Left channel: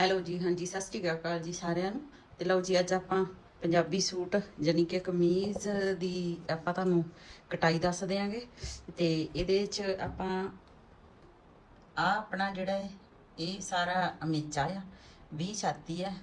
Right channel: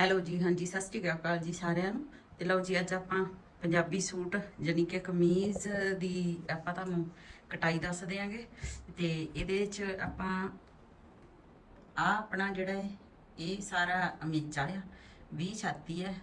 Hello ਜੀ, ਹਾਂਜੀ, ਸਤਿ ਸ਼੍ਰੀ ਅਕਾਲ ਜੀ ਸਾਰਿਆਂ ਨੂੰ। ਤੇ ਲਓ ਜੀ, ਅੱਜ ਆਪਾਂ ਪੰਜਾਬੀ ਸੂਟ ਜਾਨੀ ਕਿ ਕਮੀਜ਼ ਦੀ ਆਪਾਂ ਤੁਹਾਨੂੰ ਕਟਾਈ ਦੱਸ ਦਿਆਂਗੇ। ਤੇ ਇਹਦੇ ਚ ਆਪਾਂ ਆ ਆਪਣਾ ਜਿਹੜਾ ਹੈ, ਇਹ ਸਾਰਾ ਅਮੀਚਾ ਆ 20 ਛਾਤੀ ਹੈ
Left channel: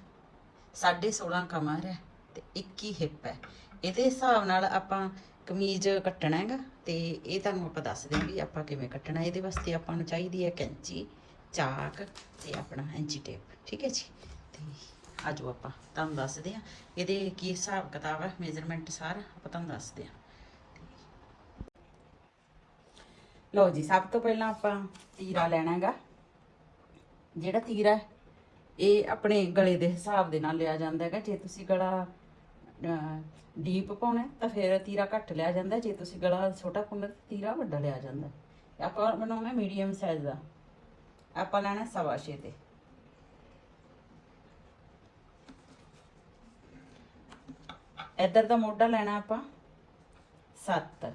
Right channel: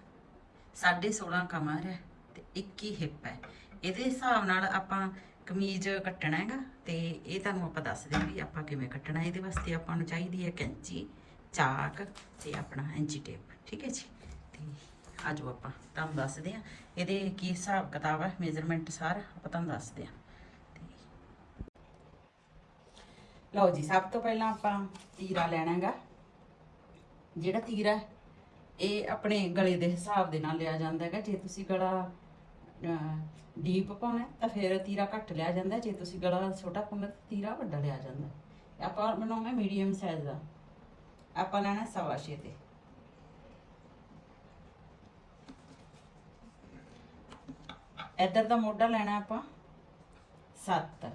16.5 ਕਮਰ ਹੈ ਤੇ 21 ਹਿੱਪ ਹੈ। ਇਹਦੇ ਹਿਸਾਬ ਨਾਲ ਆਪਾਂ ਕਮੀਜ਼ ਕੱਟਣਾ ਹੈਗਾ ਤੇ ਇਹ ਤੁਹਾਨੂੰ ਆਪਾਂ ਦੱਸ ਦਿਆਂ ਵੀ ਆਪਾਂ ਕਿਵੇਂ ਕੱਟਣਾ, ਇਹਦੇ ਵਾਸਤੇ ਆਪਾਂ ਨੂੰ ਚਾਹੀਦੀ ਹੈ ਕੈਂਚੀ। ਚਾਕ ਤੇ ਆਪਣਾ ਇੰਚੀ ਟੇਪ, ਠੀਕ ਹੈ ਜੀ? ਤੇ ਆਜੋ ਆਪਾਂ, ਤੁਹਾਨੂੰ ਦੱਸਦੇ ਆ ਇਹਦੇ ਕੀ ਹਿਸਾਬ ਕਿਤਾਬ ਹੈ ਮੇਜ਼ਰਮੈਂਟ ਸਾਰਾ, ਆਪਾਂ ਤੁਹਾਨੂੰ ਦੱਸਦੇ ਆ ਲਓ ਜੀ, ਸਭ ਤੋਂ ਪਹਿਲਾਂ ਆਪਾਂ ਤੀਰਾ ਲੈਣਾ ਹੈਗਾ ਜਿਹੜਾ ਤੀਰਾ ਇਹ ਆਪਣੇ ਗਲੇ ਦੇ ਹਿਸਾਬ ਦੇ ਨਾਲ ਲਿਆ ਜਾਂਦਾ ਹੈਗਾ ਜੇ ਤੁਸੀਂ ਗਲਾ ਡੀਪ ਪਾਉਣਾ ਤਾਂ ਫਿਰ ਤੀਰਾ ਘੱਟ ਲਿਆ ਜਾਂਦਾ। ਜੇ ਤੁਸੀਂ ਗਲਾ ਛੋਟਾ ਪਾਉਣਾ ਤਾਂ ਤੀਰਾ ਵੱਡਾ ਲਿਆ ਜਾਂਦਾ। ਆਪਾਂ ਬਣਾਉਣਾ ਮੀਡੀਅਮ ਸਾਈਜ਼ ਦਾ। ਆਪਾਂ ਲੈਣਾ ਸਵਾ ਛੇ ਤੇ। ਇੱਧਰ ਦਾ ਮੋਢਾ ਲੈਣਾ ਆਪਾਂ 7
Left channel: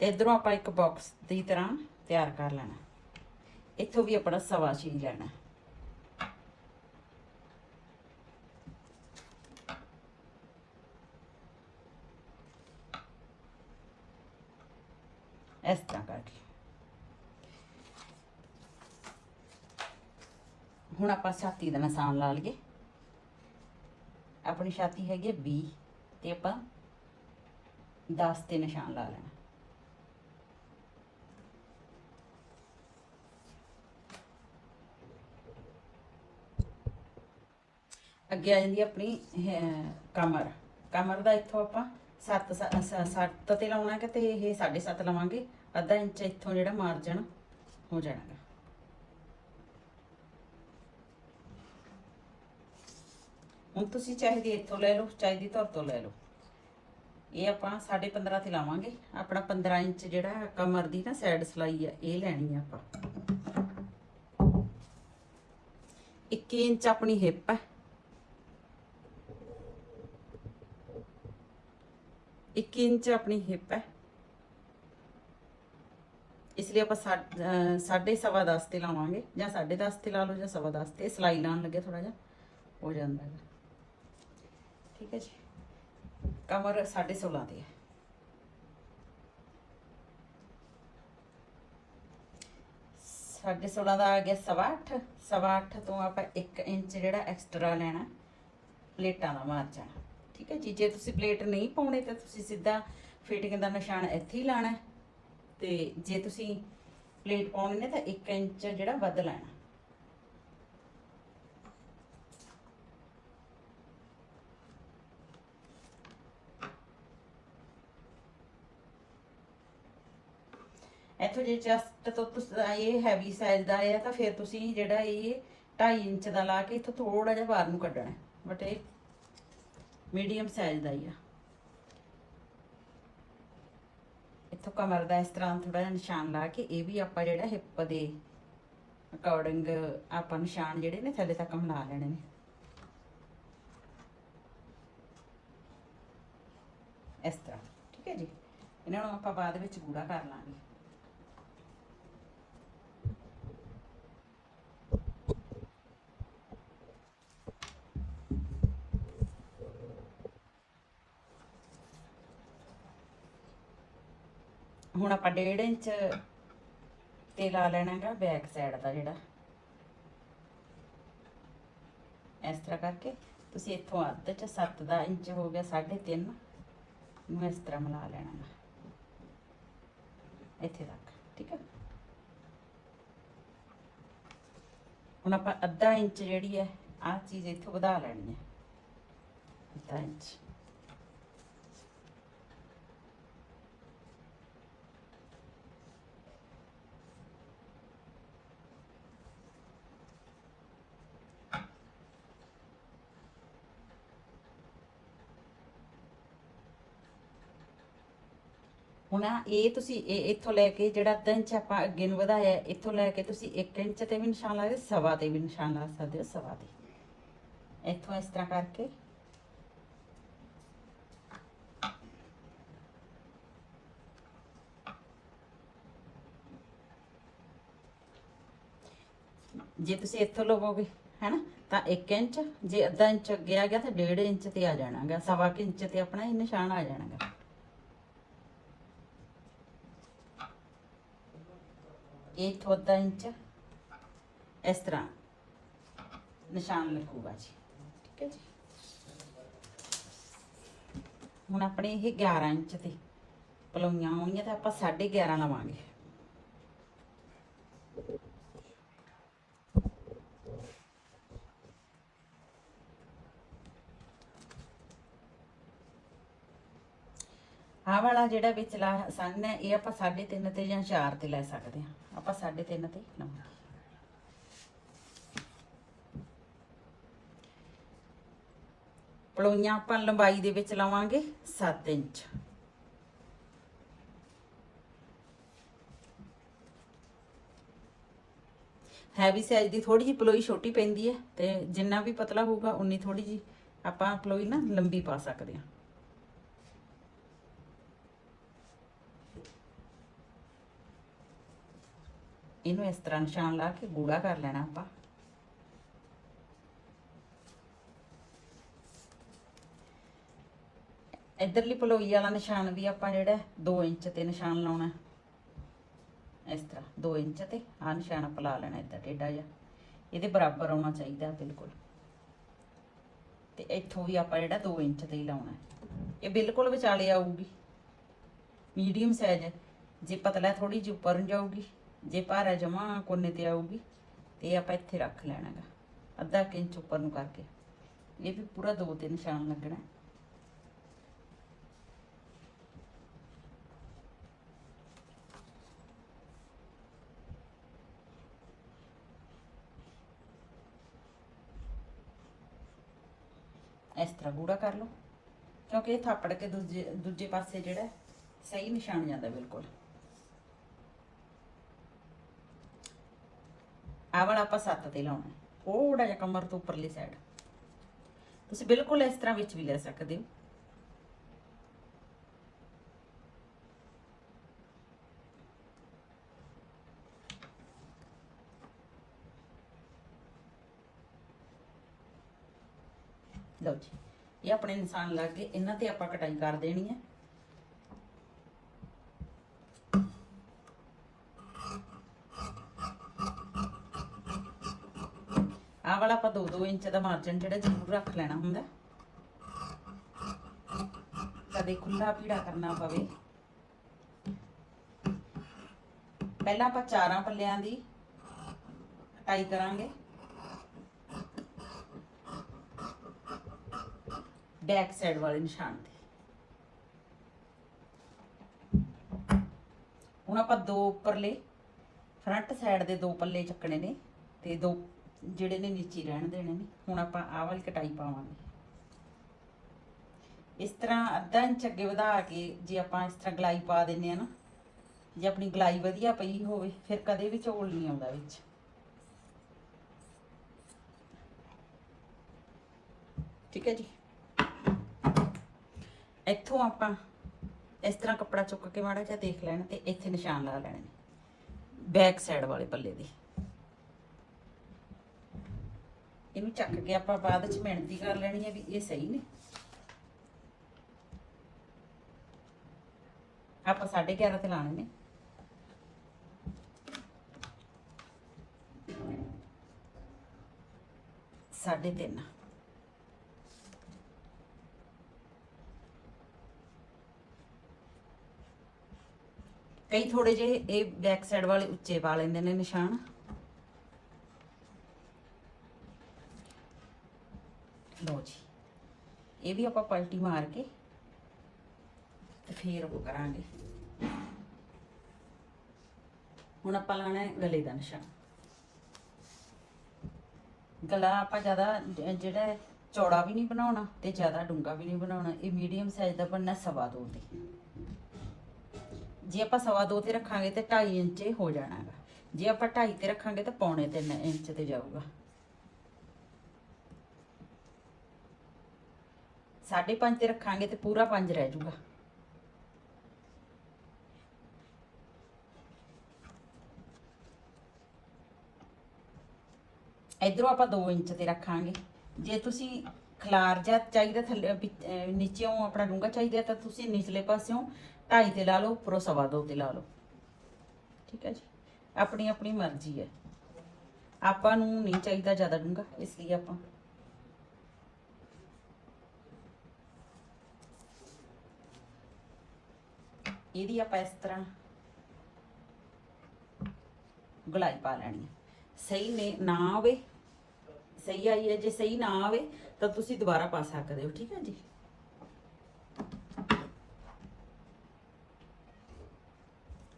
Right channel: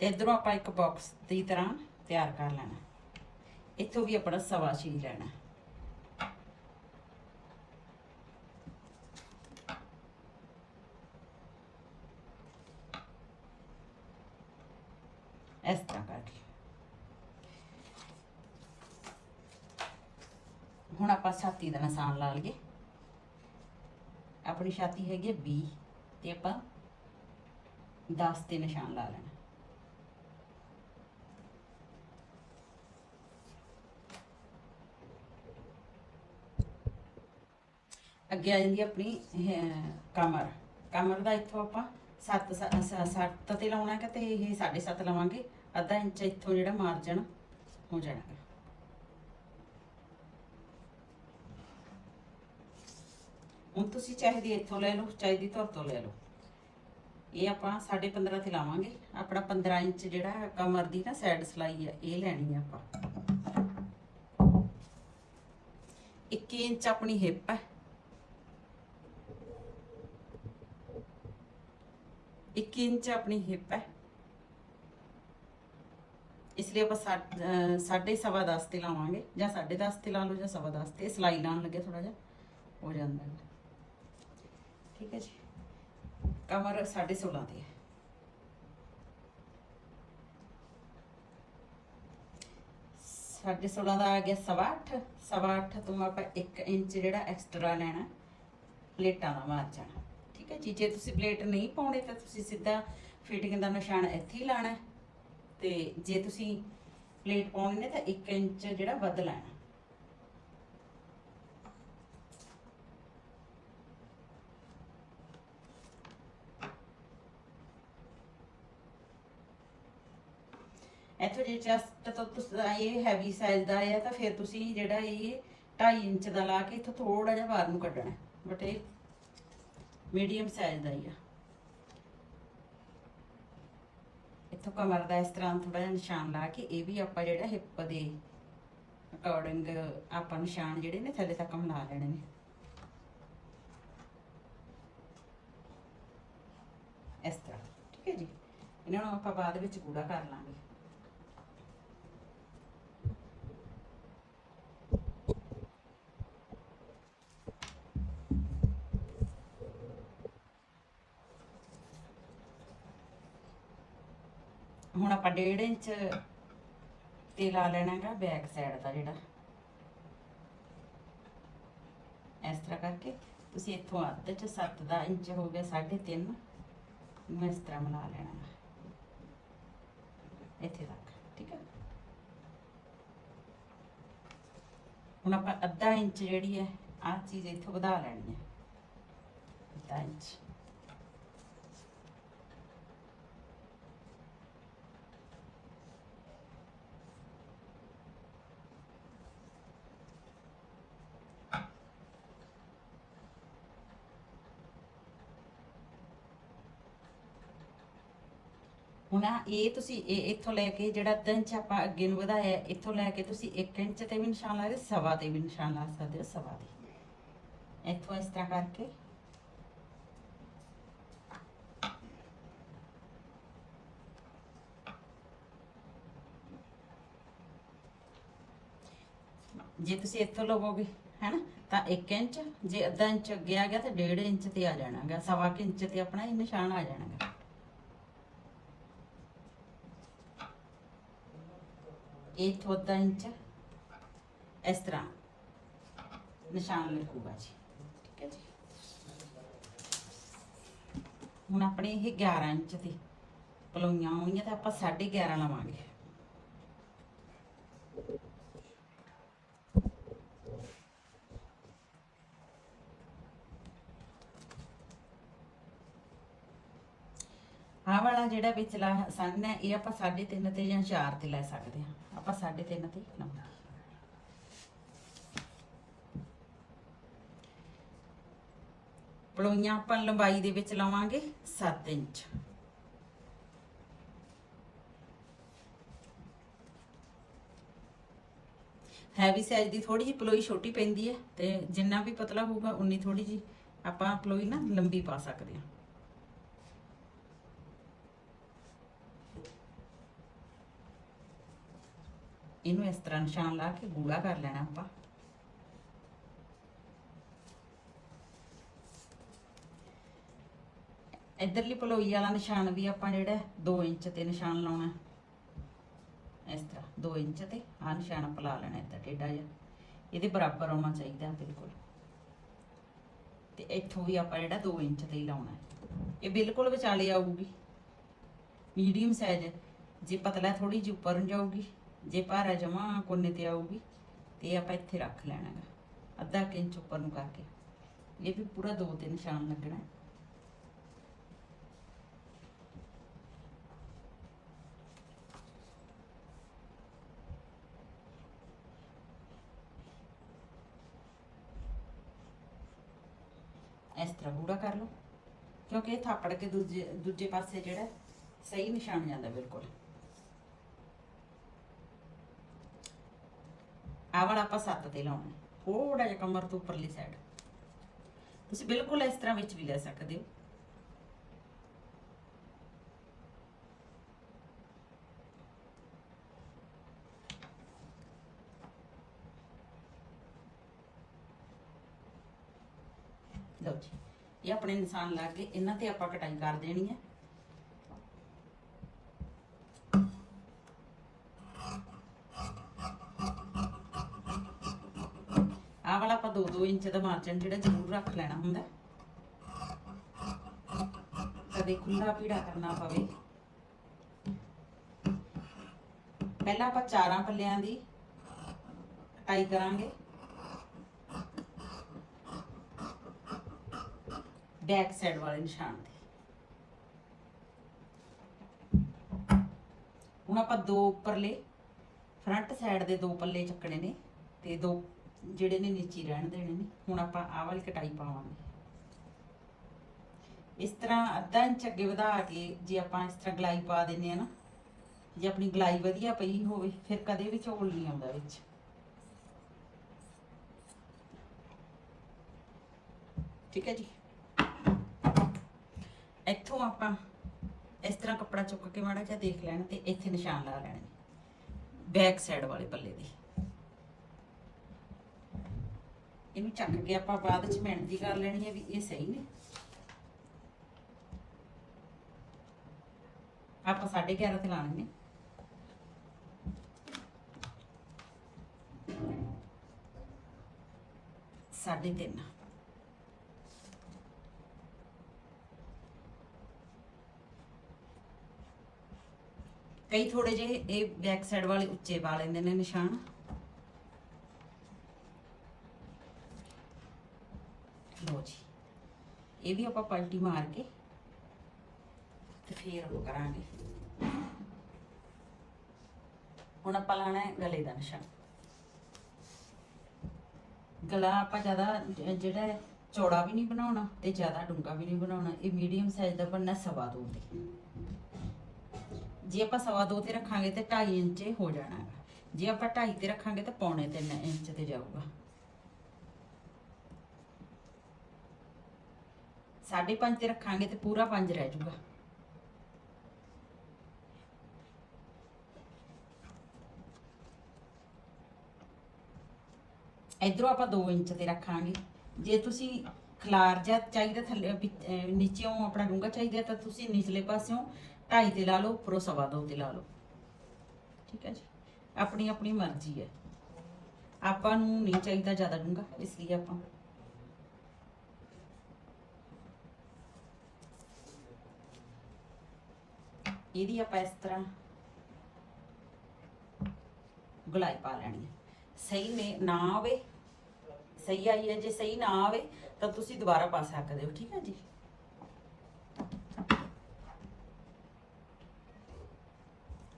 ਤੇ ਇਧਰੋਂ ਆਪਾਂ ਇੱਕ ਬਾਕਸ ਦੀ ਤਰ੍ਹਾਂ ਤਿਆਰ ਕਰ ਲੈਣਾ। ਇੱਥੋਂ ਵੀ ਆਪਣਾ ਸਵਾ ਛੇ ਹੀ ਲੈਣਾ ਇਸ ਤਰ੍ਹਾਂ ਕਰਕੇ ਹੁਣ ਆਪਾਂ ਛਾਤੀ ਦਾ ਨਿਸ਼ਾਨ ਲਾ ਲਈਏ। ਆਪਣੀ ਛਾਤੀ ਹੈਗੀ ਹੈ 20 ਤੇ ਆਪਾਂ 10 ਤੇ ਨਿਸ਼ਾਨ ਲਾ ਲੈਣਾ। ਅੱਗੇ ਆ ਜਾਂਦੀ ਹੈ ਆਪਣੀ ਕਮਰ। ਕਮਰ ਦਾ ਇੱਥੋਂ ਆਪਾਂ 7 7 ਤੇ ਲਾਉਣਾ ਕਿ ਤੇ ਇਹ 7.5 ਲਵਾਂਗੇ। ਅੱਧਾ ਇੰਚ ਇੱਥੋਂ ਜਿਹੜਾ ਮਾਰਜਨ ਹੋ ਜਾਣਾ। ਹੁਣ ਤੁਸੀਂ ਚਾਹੀਦੀ ਇੱਥੋਂ ਲੈ ਲਓ, ਚਾਹੀਦੀ ਧੁਰ ਤੋਂ ਲੈ ਲਓ। ਇਹ ਆਪਾਂ 15.5 ਤੇ ਲਾਵਾਂਗੇ। ਆਪਣਾ 15 ਇੰਚ ਜਿਹੜਾ ਕਮਰ ਦੀ ਨਾ ਸਾਈਡ ਸਲਾਈ ਆ, ਇਹ ਲੈਣੀ ਆ ਆਪਾਂ। 21 ਇੰਚ ਆਪਣੀ ਹਿੱਪ ਹੈ 21 ਇੰਚ ਆਪਣੀ ਹਿੱਪ ਹੈ ਇਸ ਲਈ ਆਪਾਂ ਸਾ- ਅਹ ਸਾਢੇ ਸਵਾ 10 ਤੇ ਲਾਵਾਂਗੇ ਜਾਂ ਸਾਢੇ 10 ਤੇ ਲਾ ਲਓ ਜਾਂ ਸਵਾ 10 ਤੇ। ਸਲਾਈ ਲਾਉਣ ਲੱਗੇ ਥੋੜਾ ਜਿਹਾ, ਹੋ ਜਾਂਦਾ ਹੈ। ਠੀਕ ਹੈ ਜੀ। ਕਮਰ 16.5 ਦੀ ਹੈ। ਸਾਢੇ 16 ਦਾ ਆ ਗਿਆ ਸਵਾ ਅੱਠ। ਸਵਾ ਅੱਠ ਤੋਂ ਆਪਾਂ 1 ਇੰਚ ਜਿਹੜਾ ਐਕਸਟਰਾ ਲੈਣਾ, ਪਲੇਟਾਂ ਦਾ ਮਾਰਜਨ ਠੀਕ ਹੈ ਜੀ, ਜੇ ਤੁਸੀਂ ਪਲੇਟ ਨਹੀਂ ਪਾਉਣੇ ਤਾਂ ਤੁਸੀਂ ਸਿੱਧਾ ਫਿਟਿੰਗ ਦਾ ਨਿਸ਼ਾਨ ਇੱਥੇ ਹੀ ਲਾਣਾ ਹੈ। ਤੇ ਜੇ ਤੁਸੀਂ ਪਲੇਟ ਪਾਉਣੀ ਨੇ ਤਾਂ 1 ਇੰਚ ਜਿਹੜਾ ਵੱਧ ਲੈਣਾ। ਇੱਥੋਂ ਜੇ ਚੈਸਟ ਤੋਂ ਤੁਸੀਂ ਇਹ ਹੈਵੀ ਸਾਈਜ਼ ਦਾ ਹੈ ਤਾਂ ਫਿਰ ਤੁਸੀਂ ਜਿਹੜਾ ਇਹ 2.5 ਇੰਚ ਦਾ ਲਾ ਕੇ ਇੱਥੋਂ ਥੋੜਾ ਜਿਹਾ ਬਾਹਰ ਨੂੰ ਕੱਢਣਾ ਬਟ ਇਹ ਮੀਡੀਅਮ ਸਾਈਜ਼ ਦਾ ਹੀ ਆ। ਇੱਥੋਂ ਕਮਰ ਦਾ ਇਸ ਤਰ੍ਹਾਂ ਥੋੜਾ ਜਿਹਾ ਨਿਸ਼ਾਨ ਲਾ ਕੇ ਇਹ ਵੀ ਆਪਾਂ ਜਿਹੜਾ ਹਿੱਪ ਦੇ ਅਕੋਰਡਿੰਗ ਆਪਾਂ ਨਿਸ਼ਾਨ ਜਿਹੜੇ ਨੇ ਥੱਲੇ ਤੱਕ ਬਣਾ ਲੈਣੇ ਨੇ। ਇਸ ਤਰ੍ਹਾਂ, ਠੀਕ ਹੈ ਜੀ? ਇਹਨਾਂ ਨੂੰ ਆਪਾਂ ਬਾਅਦ ਵਿੱਚ ਗੂੜਾ ਕਰ ਲਾਂਗੇ। ਹੁਣ ਆਪਾਂ 1.5 ਇੰਚ ਤੇ ਲਾ ਲੈਣਾ ਹੈਗਾ ਬੈਕ ਸਾਈਡ ਦਾ ਜਿਹੜਾ। ਇਸ ਤਰ੍ਹਾਂ ਕਰਕੇ ਤੁਸੀਂ ਇੱਥੋਂ ਅੱਧ ਚ 7 ਦਾ ਇੰਚ ਹੋ ਗਿਆ 3.5 ਨੂੰ ਇਸ ਤਰ੍ਹਾਂ ਬਣਾ ਲੈਣਾ ਗਾ। ਇੱਥੇ ਤੱਕ ਠੀਕ ਹੈ? ਹੁਣ ਆਪਾਂ ਅੱਧਾ ਇੰਚ ਜਿਹੜੀ ਹੈ, ਆਹ ਚੀਜ਼ ਇੱਥੋਂ ਵਧਾ ਲੈਣੀ ਹੈ। ਅੱਧਾ ਇੰਚ। ਹੁਣ ਆਹ ਇਹ ਤੁਸੀਂ ਇਹ ਇੱਥੋਂ ਲੈ ਕੇ ਜਿਹੜਾ ਅੱਧਾ ਇੰਚ ਆਪਾਂ ਅੱਗੇ ਨੂੰ ਵਧਾਇਆ, ਇੱਥੋਂ ਲੈ ਕੇ ਤੁਸੀਂ 1 ਇੰਚ ਤੇ ਵੀ ਨਿਸ਼ਾਨ ਲਾ ਸਕਦੇ, ਸਵਾ ਤੇ ਵੀ ਨਿਸ਼ਾਨ ਲਾ ਸਕਦੇ ਹੋ, ਸਵਾ ਤੇ। ਇੱਥੋਂ ਇਸ ਤਰ੍ਹਾਂ ਕਰਕੇ। ਜੇ ਤੁਸੀਂ ਇੱਥੋਂ ਲਵੋਗੇ, ਹੈਨਾ, ਤਾਂ 1 ਇੰਚ, ਜੇ ਅੱਧਾ ਇੰਚ ਅੱਗੇ ਆ ਗਿਆ ਤਾਂ 1.5 ਇੰਚ ਤੇ ਆ ਜਾਣਾਗਾ, ਸਵਾ ਕੁ ਇੰਚ ਤੇ ਆਪਣਾ ਇਹ ਨਿਸ਼ਾਨ ਆ ਜਾਣਾਗਾ। ਇਹ ਤੋਂ ਅੱਧਾ ਇੰਚ ਇਸ ਤਰ੍ਹਾਂ ਨਿਸ਼ਾਨ ਲੱਗੂਗਾ ਜੀ। ਠੀਕ ਹੈ ਜੀ। ਹੁਣ ਆਪਣੇ ਇਹ 11 ਇੰਚ ਦੀ ਪਲੋਈਆਂ ਆਉਣੀਆਂ ਤਾਂ ਆਪਾਂ 11.5 ਲਵਾਂਗੇ। ਆਹ ਵਾਲਾ ਜਿਹੜਾ ਵਿਚਲਾ ਸੰਨ ਹੈ, ਇਹ ਆਪਾਂ 3.5 ਤੇ ਜਾਂ 4 ਤੇ ਲੈ ਸਕਦੇ ਹਾਂ। ਆਪਾਂ 3.5 ਤੇ ਲਵਾਂਗੇ ਪਲੋਈਆਂ ਆਪਾਂ ਲੰਬਾਈ ਦੇ ਵਿੱਚ ਲਵਾਂਗੇ 7 ਇੰਚ। ਹੈਵੀ ਸਾਈਜ਼ ਦੀ ਥੋੜੀ ਜਿਹੀ ਪਲੋਈ ਛੋਟੀ ਪੈਂਦੀ ਹੈ ਤੇ ਜਿੰਨਾ ਵੀ ਪਤਲਾ ਹੋਊਗਾ, ਉਨੀ ਥੋੜੀ ਜਿਹੀ ਆਪਾਂ ਪਲੋਈ ਨਾ ਲੰਬੀ ਪਾ ਸਕਦੇ ਹਾਂ। ਇਹਨੂੰ ਇਸ ਤਰ੍ਹਾਂ ਨਿਸ਼ਾਨ ਲਾ ਕੇ ਗੂੜਾ ਕਰ ਲੈਣਾ ਆਪਾਂ। ਇਧਰਲੀ ਪਲੋਈ ਵਾਲਾ ਨਿਸ਼ਾਨ ਵੀ ਆਪਾਂ ਜਿਹੜਾ 2 ਇੰਚ ਤੇ ਨਿਸ਼ਾਨ ਲਾਉਣਾ। ਇਸ ਤਰ੍ਹਾਂ 2 ਇੰਚ ਤੇ ਆ ਨਿਸ਼ਾਨ ਆਪਾਂ ਲਾ ਲੈਣਾ ਇੱਦਾਂ ਟੇਢਾ ਜਿਹਾ। ਇਹਦੇ ਬਰਾਬਰ ਆਉਣਾ ਚਾਹੀਦਾ ਬਿਲਕੁਲ। ਤੇ ਇੱਥੋਂ ਵੀ ਆਪਾਂ ਜਿਹੜਾ 2 ਇੰਚ ਤੇ ਹੀ ਲਾਉਣਾ। ਇਹ ਬਿਲਕੁਲ ਵਿਚਾਲੇ ਆਊਗੀ। Medium size. ਜੇ ਪਤਲਾ ਥੋੜੀ ਜਿਹੀ ਉੱਪਰ ਨੂੰ ਜਾਊਗੀ। ਜੇ ਭਾਰਾ ਜਮਾ ਕੋਨੇ ਤੇ ਆਊਗੀ, ਤੇ ਆਪਾਂ ਇੱਥੇ ਰੱਖ ਲੈਣਾ ਗਾ ਅੱਧਾ ਕੁ ਇੰਚ ਉੱਪਰ ਨੂੰ ਕਰਕੇ। ਇਹ ਵੀ ਪੂਰਾ ਦੋ ਤੇ ਨਿਸ਼ਾਨ ਲੱਗਣਾ ਇਸ ਤਰ੍ਹਾਂ ਗੂੜਾ ਕਰ ਲਓ, ਕਿਉਂਕਿ ਇਹ ਥਾਪੜ ਕੇ ਦੂਜੇ ਦੂਜੇ ਪਾਸੇ ਜਿਹੜਾ ਸਹੀ ਨਿਸ਼ਾਨ ਜਾਂਦਾ ਬਿਲਕੁਲ। ਆਹ ਵਾਲਾ ਆਪਾਂ ਸੱਤ ਤੇ ਲਾਉਣਾ ਥੋੜਾ ਜਿਹਾ ਕਮਰ ਤੋਂ ਉੱਪਰਲੀ ਸਾਈਡ ਤੁਸੀਂ ਬਿਲਕੁਲ ਇਸ ਤਰ੍ਹਾਂ ਵਿੱਚ ਵੀ ਲੈ ਸਕਦੇ ਹੋ ਲਓ ਜੀ ਇਹ ਆਪਣੇ ਨਿਸ਼ਾਨ ਲੱਗ ਗਏ ਇਹਨਾਂ ਤੇ ਆਪਾਂ ਕਟਾਈ ਕਰ ਦੇਣੀ ਹੈ ਆਹ ਵਾਲਾ ਆਪਾਂ 2-2 ਇੰਚ ਦਾ ਮਾਰਜਨ ਜਿਹੜਾ ਜ਼ਰੂਰ ਰੱਖ ਲੈਣਾ ਹੁੰਦਾ। ਕਦੇ ਖੁੱਲਾ ਪੀੜਾ ਕਰਨਾ ਪਵੇ। ਪਹਿਲਾਂ ਆਪਾਂ ਚਾਰਾਂ ਪੱਲਿਆਂ ਦੀ ਕਟਾਈ ਕਰਾਂਗੇ। ਬੈਕ ਸਾਈਡ ਵਾਲੇ ਨਿਸ਼ਾਨ ਤੇ। ਹੁਣ ਆਪਾਂ ਦੋ ਉੱਪਰਲੇ ਫਰੰਟ ਸਾਈਡ ਦੇ ਦੋ ਪੱਲੇ ਚੱਕਣੇ ਨੇ ਤੇ ਦੋ ਜਿਹੜੇ ਨੇ ਨੀਚੀ ਰਹਿਣ ਦੇਣੇ ਨੇ, ਹੁਣ ਆਪਾਂ ਆਹ ਵਾਲੀ ਕਟਾਈ ਪਾਵਾਂਗੇ। ਇਸ ਤਰ੍ਹਾਂ ਅੱਧਾ ਇੰਚ ਅੱਗੇ ਵਧਾ ਕੇ ਜੇ ਆਪਾਂ ਇਸ ਤਰ੍ਹਾਂ ਗਲਾਈ ਪਾ ਦਿੰਨੇ ਆ ਨਾ, ਜੇ ਆਪਣੀ ਗਲਾਈ ਵਧੀਆ ਪਈ ਹੋਵੇ, ਫਿਰ ਕਦੇ ਵੀ ਝੋਲ ਨਹੀਂ ਆਉਂਦਾ ਵਿੱਚ। ਠੀਕ ਹੈ ਜੀ? ਇੱਥੋਂ ਆਪਾਂ ਇਸ ਤਰ੍ਹਾਂ ਕੱਪੜਾ ਚੁੱਕ ਕੇ ਮਾੜਾ ਜਿਹਾ ਦੇਖ ਲੈਣਾ ਤੇ ਇੱਥੇ ਨਿਸ਼ਾਨ ਲਾ ਲੈਣੇ ਨੇ, ਬੈਕ ਸਾਈਡ ਵਾਲੇ ਪੱਲੇ ਦੇ ਇਹਨੂੰ ਚੱਕ ਕੇ ਆਪਾਂ ਬਾਅਦ ਚ ਮਿਹਨਤ ਦੀ ਕਰ ਲੈਣੀ ਹੈ ਵੀ ਇਹ ਸਹੀ ਨੇ। ਆਪਾਂ 11.5 ਤੇ ਲਾਣੇ ਨੇ ਸਾਢੇ ਤਿੰਨ। ਕਈ ਥੋੜੇ ਜਿਹੇ ਇਹ ਬੈਕ ਸਾਈਡ ਵਾਲੇ ਉੱਚੇ ਪਾ ਲੈਂਦੇ ਨੇ ਨਿਸ਼ਾਨ। ਲਓ ਜੀ। ਇਹ ਵੀ ਆਪਾਂ ਪਲਟੀ ਮਾਰ ਕੇ ਤੇ ਫੇਰ ਉਹ ਕਰਾਂਗੇ। ਹੁਣ ਆਪਾਂ ਲਾਣਾ ਹੈ ਗਲੇ ਦਾ ਨਿਸ਼ਾਨ। ਗਲਾ ਆਪਾਂ ਜ਼ਿਆਦਾ ਜਿਹੜਾ ਚੌੜਾ ਵੀ ਨਹੀਂ ਬਣਾਉਣਾ ਤੇ ਜ਼ਿਆਦਾ ਡੂੰਘਾ ਵੀ ਨਹੀਂ ਬਣਾਉਣਾ। ਇਹ ਮੀਡੀਅਮ ਸਾਈਜ਼ ਦਾ ਬਣਨਾ ਸਵਾ ਦੋ ਤੇ। ਜੇ ਆਪਾਂ ਸਵਾ ਦੋ ਤੇ ਰੱਖਾਂਗੇ ਤੇ 2.5 ਇੰਚ ਹੋ ਜਾਣਾ ਹੈਗਾ। ਜੇ ਆਪਾਂ 2.5 ਤੇ ਰੱਖਾਂਗੇ ਤਾਂ ਪੌਣੇ 3 ਇੰਚ ਤੇ ਜਾਊਗਾ। ਸਾਢੇ ਪੰਜ ਤੇ ਰੱਖਾਂਗੇ ਤੇ ਪੂਰਾ 5 ਰਹਿ ਜਾਊਗਾ ਇਧਰੋਂ ਆਪਾਂ 2 ਇੰਚ ਤੇ ਰੱਖਾਂਗੇ। ਜੇ ਤੁਸੀਂ ਖਲਾਰ ਜਾਂ ਚਾਹੀਦਾ ਥੱਲੇ ਪਿ- ਨੀਚੇੋਂ ਆਪਣਾ ਡੂੰਘਾ ਚਾਹੀਦਾ ਤਾਂ ਤੁਸੀਂ ਨਿਚਲੇ ਪਾਸਿਓਂ 2.5 ਤੇ ਲਾ ਲਓ, ਉੱਪਰੋਂ ਸਵਾ ਦੋ ਤੇ ਲਾ ਲਓ। ਠੀਕ ਹੈ ਜੀ? ਆਪਣੀ ਆਪਣੀ ਮਰਜ਼ੀ ਹੈ। ਆਪਾਂ ਨੂੰ ਨਹੀਂ ਚਾਹੀਦਾ ਜ਼ਿਆਦਾ ਡੂੰਘਾ, ਇਸ ਲਈ ਆਪਾਂ ਇਹਦੀ ਆਪਾਂ ਇਸ ਤਰ੍ਹਾਂ ਗੁਲਾਈ ਪਾ ਲੈਣੀ ਹੈ। ਸਹੀ ਨੇ ਨਾ ਆਵੇ, ਸਹੀ ਆਈ ਹੈ, ਜੇ ਸਹੀ ਨਾ ਆਵੇ ਤਾਂ ਤੁਸੀਂ ਦੁਬਾਰਾ ਪਾ ਸਕਦੇ ਹੋ, ਠੀਕ ਹੈ ਜੀ?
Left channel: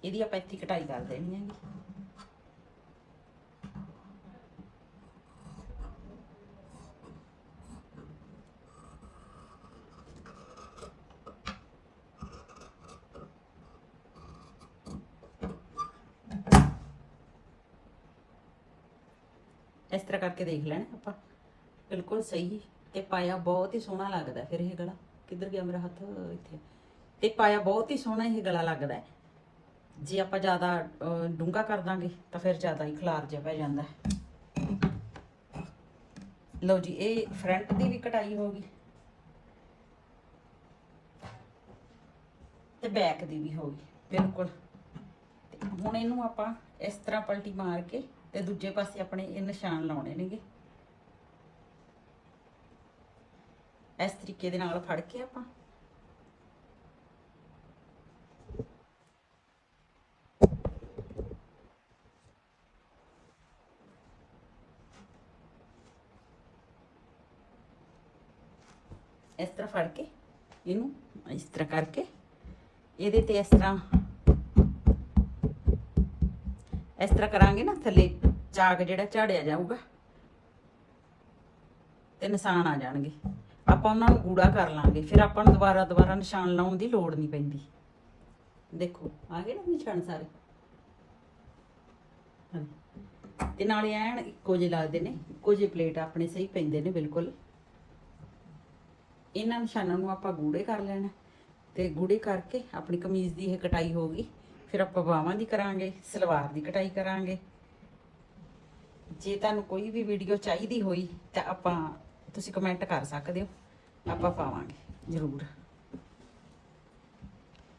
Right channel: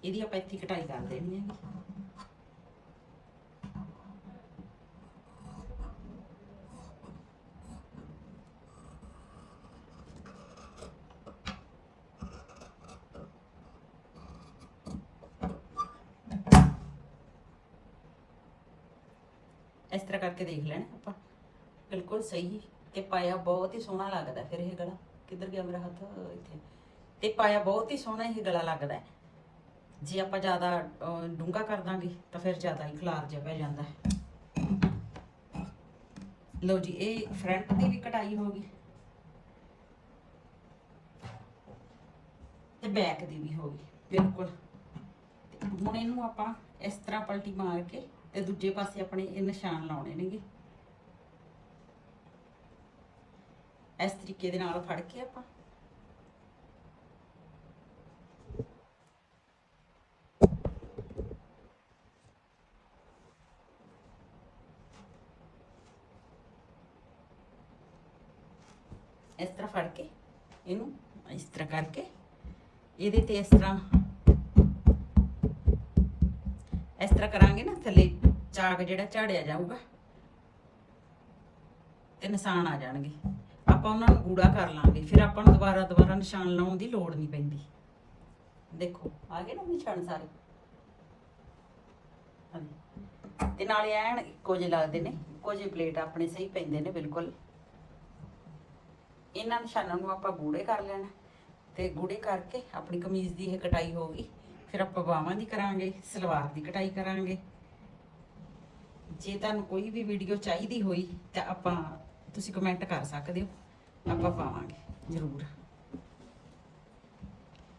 ਇਹਦੀ ਆਪਾਂ ਇੱਥੇ ਕਟਾਈ ਕਰ ਦੇਣੀ ਹੈ ਇਸ ਤਰ੍ਹਾਂ ਕਰਕੇ ਦੇਖ ਲੈਣਾ ਆਪਾਂ। ਬਿਲਕੁਲ ਸਹੀ ਤੇ ਪਾਇਆ ਬਹੁਤ ਹੀ ਸੋਹਣਾ ਲੱਗਦਾ ਫਿਰ ਇਹ ਗਲਾ। ਕਿੱਧਰ ਗਿਆ ਮੇਰਾ ਹੱਥ? ਇੱਥੇ। ਤੇ ਪਾਇਆ ਬਹੁਤ ਹੀ ਸੋਹਣਾ ਇਹ ਗਲਾ ਲੱਗਦਾ ਜੇ ਆਪਾਂ ਜ਼ਿਆਦਾ ਅਹ, ਕਰ ਦਾਂਗੇ ਤਾਂ ਫਿਰ ਜ਼ਿਆਦਾ ਹੀ ਖਲਾਰ ਜਿਹਾ ਪੈ ਜਾਂਦਾ ਹੈ। ਲਓ ਜੀ ਇਹ ਫਰੰਟ ਦੀ ਵੀ ਕਟਾਈ ਹੋ ਗਈ। ਤੇ ਬੈਕ ਦੀ ਵੀ ਹੋ ਗਈ। ਬਿਲਕੁਲ। ਹੁਣ ਇਹਨੂੰ ਆਪਾਂ ਇਸ ਤਰ੍ਹਾਂ ਪਲਟੀ ਮਾਰ ਕੇ ਤੇ ਦੂਜੇ ਪਾਸੇ ਆਪਣੇ ਇਹ ਨਿਸ਼ਾਨ ਲਾਉਣੇ ਨੇਗੇ। ਇਸ ਤਰੀਕੇ ਦੇ ਨਾਲ ਫੜ ਕੇ ਆਪਾਂ। ਇਸ ਤਰ੍ਹਾਂ ਫੜ ਕੇ ਇਹਨੂੰ ਇਸ ਤਰ੍ਹਾਂ ਕਰਕੇ, ਇਹਦੇ ਤੇ ਇਸ ਤਰ੍ਹਾਂ ਇਸ ਤਰ੍ਹਾਂ ਕਰਾਂਗੇ ਨਾ, ਥੱਲੇ ਚਾਕ ਜਿਹੜਾ ਝਾੜਿਆ ਜਾਊਗਾ, ਤੇ ਨਿਸ਼ਾਨ ਆ ਜਾਣਗੇ। ਆਪਾਂ ਉਹਨਾਂ ਨੂੰ ਗੂੜਾ ਕਰ ਲਾਂਗੇ, ਫਿਰ ਆਪਾਂ ਨੂੰ ਦੁਬਾਰਾ ਦੁਬਾਰਾ ਨਿਸ਼ਾਨ ਲਾਉਣ ਦੀ ਲੋੜ ਨਹੀਂ ਪੈਂਦੀ। ਦੇਖੋ, ਆ ਗਏ ਨਾ ਨਿਸ਼ਾਨ ਸਾਰੇ? ਹਾਂਜੀ। ਤੇ ਨਾਲੇ ਐਨ ਇੱਕੋ ਜਿਹੇ ਲੱਗਦੇ ਨੇ, ਇੱਕੋ ਜਿਹੇ ਪਲੇਟ ਆਪਣੇ ਸਹੀ ਪੈਂਦੇ ਨੇ, ਬਿਲਕੁਲ। ਇਹਨਾਂ ਨਿਸ਼ਾਨਾਂ ਨੂੰ ਆਪਾਂ ਗੂੜੇ ਕਰ ਲੈਣਾ, ਤੇ ਗੂੜੇ ਕਰਕੇ ਆਪਣੀ ਕਮੀਜ਼ ਦੀ ਇਹ ਕਟਾਈ ਹੋ ਫਿਰ ਆਪਾਂ ਬਾਹਾਂ ਦੀ ਕਰਾਂਗੇ, ਸਲਵਾਰ ਦੀ ਕਟਾਈ ਕਰਾਂਗੇ। ਜੇ ਤੁਹਾਨੂੰ ਕੋਈ ਵੀ ਵੀਡੀਓ ਚਾਹੀਦੀ ਹੋਈ, ਤਾਂ ਆਪਾਂ ਤੁਸੀਂ ਕਮੈਂਟ ਕਰ ਸਕਦੇ ਹੋ। ਆਪਾਂ ਪਾਵਾਂਗੇ, ਜ਼ਰੂਰ।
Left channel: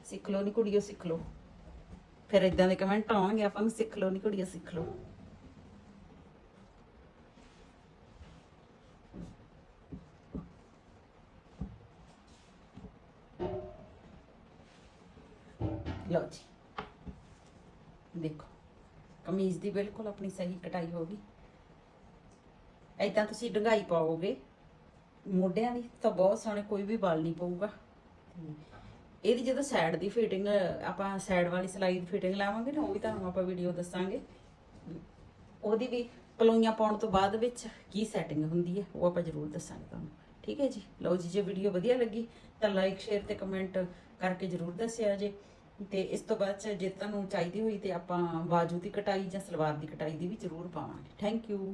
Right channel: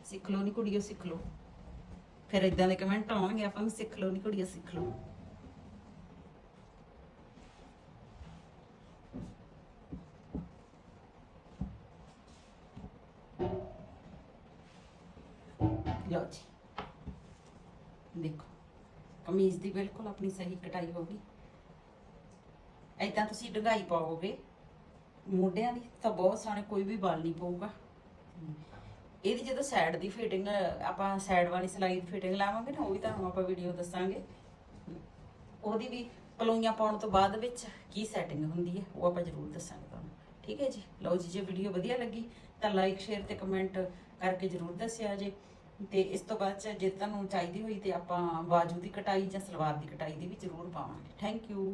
ਸਿੱਖ ਲਓ ਨੀ ਕੁੜੀਓ, ਸਿੱਖ ਲਓ। ਫਿਰ ਇਦਾਂ ਦੇ ਕਮੈਂਟ ਆਉਣਗੇ, ਆਪਾਂ ਨੂੰ ਸਿੱਖ ਲਓ ਨੀ ਕੁੜੀਓ, ਸਿੱਖ ਲਓ। ਕਮੀਜ਼ ਦੀ ਬਿਲਕੁਲ ਆਪਣੀ ਸਹੀ ਕਟਾਈ ਹੋ ਗਈ ਤੁਸੀਂ ਡੰਗਾਈ ਪਾਓਗੇ, ਮੋਢਿਆਂ ਦੀ ਤਾਂ ਬਹੁਤ ਸੋਹਣੇ ਕੋਈ ਵੀ ਬਲ ਨਹੀਂ ਪਊਗਾ। ਇਹਦੀ ਜਦੋਂ ਸਾਈਡ ਦੀ ਫਿਟਿੰਗ ਆਪਾਂ ਸਾਈਡ ਵਾਲੀ ਸਲਾਈ ਦੀ ਫਿਟਿੰਗ ਲਾਵਾਂਗੇ ਨਾ, ਉਹ ਵੀ ਤੁਹਾਨੂੰ ਆਪਾਂ ਵੀਡੀਓ ਦੱਸਾਂਗੇ। ਉਹਦੀ ਵੀ ਕਲੋਈਆਂ ਪਾਉਣ ਤੋਂ ਬਾਅਦ ਵਿੱਚ ਕੀ ਸੈਟਿੰਗ ਹੁੰਦੀ ਹੈ, ਉਹ ਆਪਾਂ ਜ਼ਰੂਰ ਦੱਸਾਂਗੇ ਤੁਹਾਨੂੰ। ਠੀਕ ਹੈ ਜੀ? ਲਓ ਜੀ, ਜੇ ਵੀਡੀਓ ਵਧੀਆ ਲੱਗੀ ਤਾਂ ਲਾਈਕ ਸ਼ੇਅਰ ਤੇ ਕਮੈਂਟ ਕਰਕੇ ਜ਼ਰੂਰ ਦੱਸਿਆ ਜੇ। ਤੇ ਇਸ ਤੋਂ ਬਾਅਦ 'ਚ ਜੇ ਤੁਹਾਨੂੰ ਚਾਹੀਦੀ ਹੋਈ ਤੇ ਆਪਾਂ ਬਾਜੂ ਦੀ ਕਟਾਈ ਜਾਂ ਸਲਵਾਰ ਦੀ ਕਟਾਈ ਦੀ ਵੀ ਜ਼ਰੂਰ ਪਾਵਾਂਗੇ। Thank you